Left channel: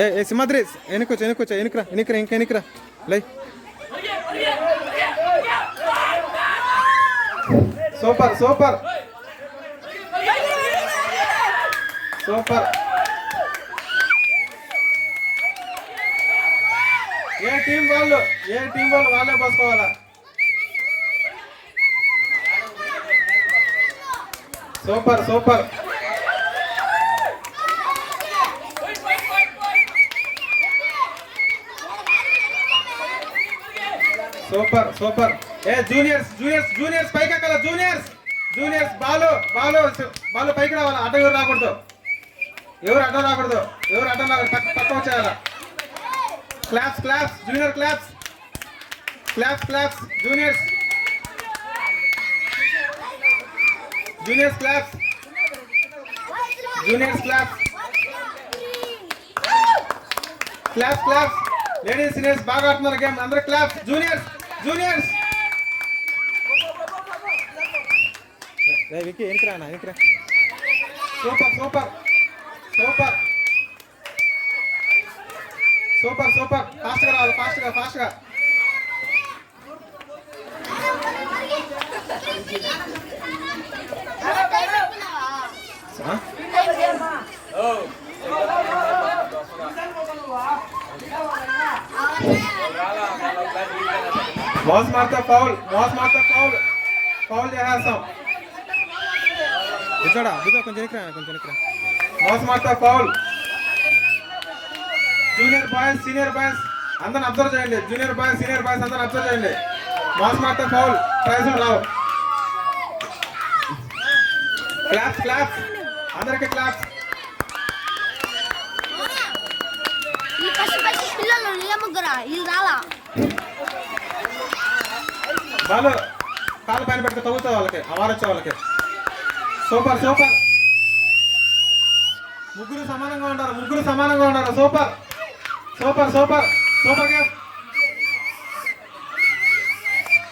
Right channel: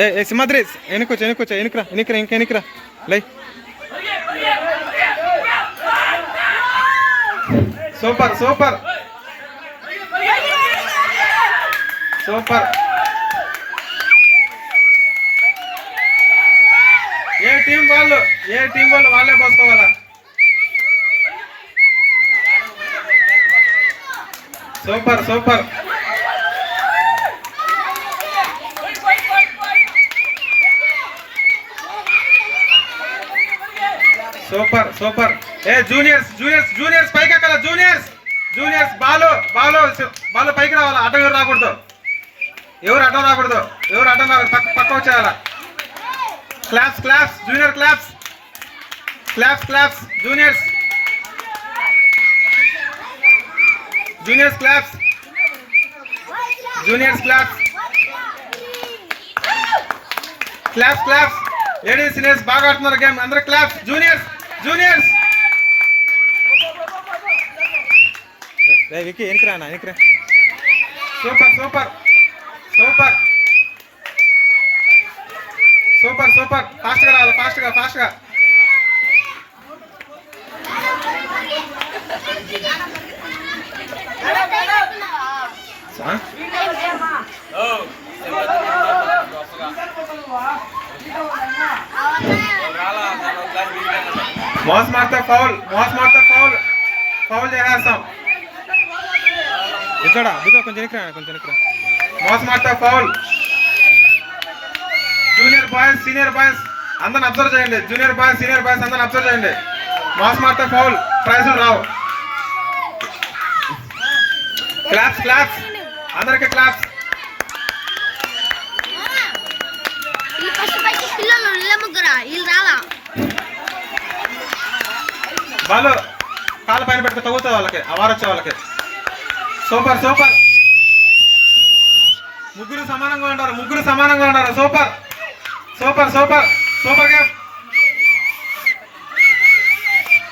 ఏ సింహాద్రి వెనుకొచ్చా వెనుకొచ్చా వెనుకరా వెనుకరా ఇంకా వెనుకరా లై. Super super super. ఏ టీం వాళ్ళు వాళ్ళే పోసుకోవాలా. Super super super super. ఏ జూనియర్స్ పైకి ఎక్కాల. జూనియర్స్ బాలు పైకి రావాలా. అడ్డం ఎవరు రాకూడదు. ఎవరు అడ్డం రాకూడదు. పక్క వచ్చేయాలా. Claps junior claps juniors claps ladies seniors బాగా ఆడుతున్నారు గేమ్. అందరూ క్లాప్స్. జూనియర్స్ విక్కీ ఎనికిరా అన్న ఎనికిరా. Super super super super super. ఫాస్ట్గా రావాలి. ఫాస్ట్గా మౌస్ మార్తా ఫౌల్ చేసేస్తాం. ఇట్లా కొంచెం వెనక్రా. మౌస్ మార్తా foul. Junior boys senior boys అందరిని అబ్జర్వ్ చేయండి. జూనియర్ బాయ్స్ సీనియర్ బాయ్స్ అందరిని అబ్జర్వ్ చేయండి. మౌస్ మార్తా ఫౌల్. ప్రైజులు రావు. క్లాప్స్ అందరికి క్లాప్స్. వాళ్ళు కాళ్ళ పైన పెడితే తగ్గుతుంది వాళ్ళకి. అవారొచ్చే వాళ్ళకి. సూపర్ ముగ్గురు సమానంగా ఉన్నారు. Super game.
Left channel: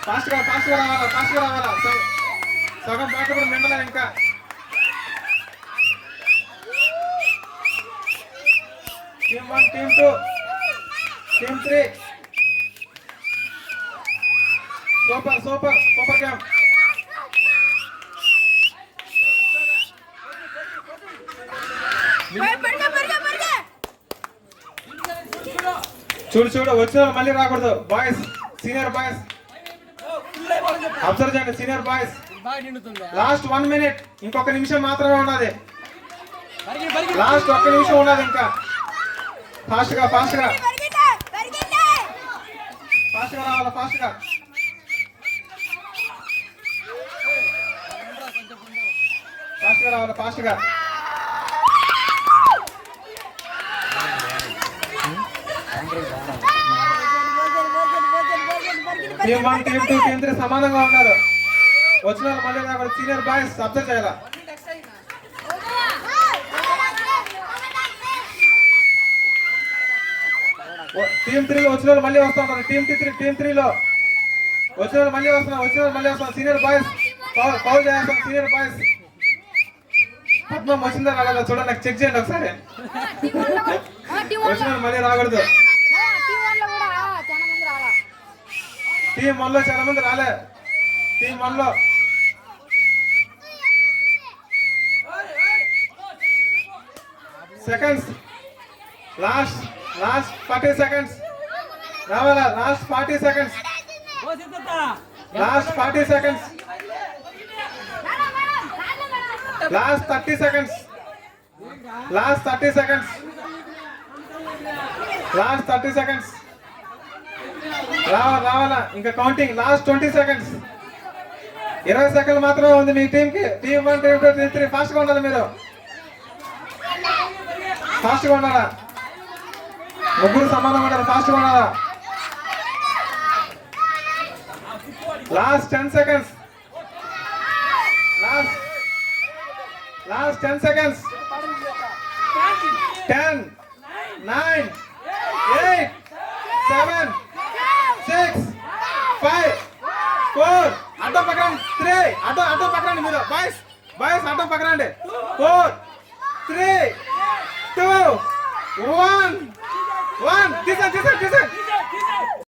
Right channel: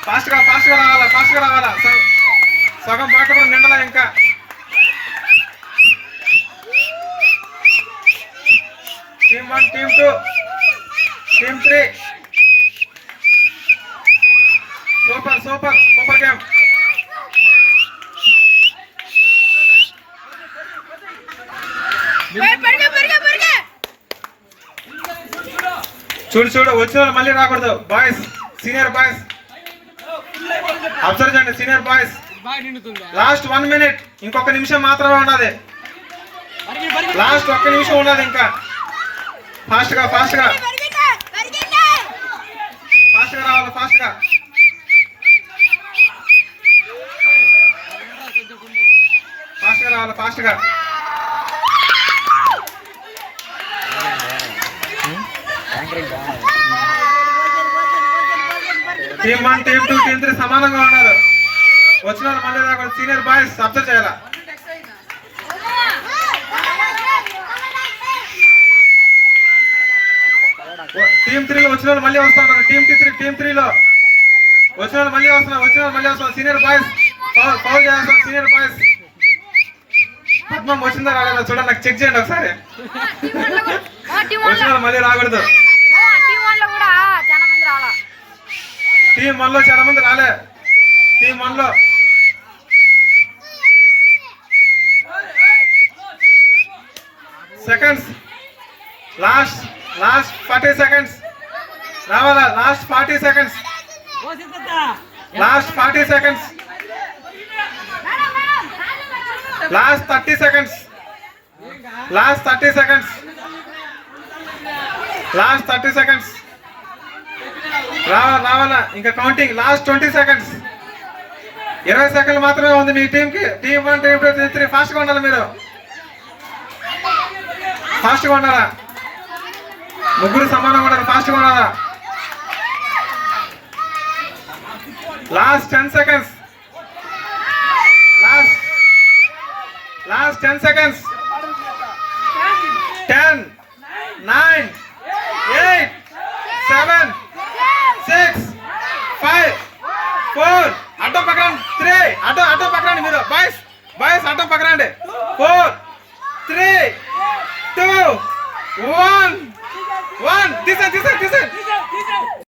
ఫాస్ట్గా రావాలా. సగం బాట కూడా నిండలా ఇంకా. టీమ్ 1 టీమ్ 2 టీమ్ 3. Super game. చూడు వచ్చిన వాళ్ళు మళ్ళీ రాకూడదు. బాయ్స్ సీనియర్ బాయ్స్ అబ్జర్వ్ చేయండి. సీనియర్ బాయ్స్ లాస్ట్ 1 మినిట్. ఇంకొక నిమిషం మాత్రమే ఉన్నది. లాస్ట్ 1 నిమిషం ఉన్నది ఇంకా. ఫాస్ట్గా రావాలి. ఫాస్ట్గా టీమ్ 1 టీమ్ 2 టీమ్ 3 సమానంగా ఉన్నారు. వచ్చిన వాళ్ళు మళ్ళీ రాకూడదు. సీనియర్ బాయ్స్ అబ్జర్వ్ చేయాలా. టీమ్ 3 లో వచ్చిన వాళ్ళు మళ్ళీ వస్తున్నారు. టీమ్ 3లో వచ్చిన వాళ్ళు మళ్ళీ వస్తున్నారు. సీనియర్ బాయ్స్ ఫౌల్ చేస్తాం. సీనియర్ బాయ్స్ పద్మం వచ్చిందా రాలేదా చూడండి. నాకు చెక్ చేయండి ఒకసారి. వచ్చిన వాళ్ళు మళ్ళీ రాకూడదు. టీమ్ 1 లో చాలా మంది రాలే. టీమ్ 1 లో సెకండ్స్. లాస్ట్ 40 సెకండ్స్ రావాలా. లాస్ట్ 40 సెకండ్స్. లాస్ట్ 30 సెకండ్స్. రావాలా ఇంకా కౌంటింగ్. లాస్ట్ 20 సెకండ్స్. 20 సెకండ్లు మాత్రమే ఉంది మీ టీంకి. టీమ్ 1 టీమ్ 2 టీమ్ 3 ఫాస్ట్గా ఉండాలి. మీరు ఫాస్ట్గా ఉండాలా. ముగ్గురు సమానంగా ఉండాలి. ఫాస్ట్గా ఉండాలా. లాస్ట్ 10 సెకండ్స్. లాస్ట్ 10 సెకండ్స్. 10 9 8 7 6 5 4 అడ్డం పక్కరండి. 3 అడ్డం పక్కరండి. మీరు బాయ్స్ అడ్డం పక్కరండి. 4 3 2 1 1 తీసే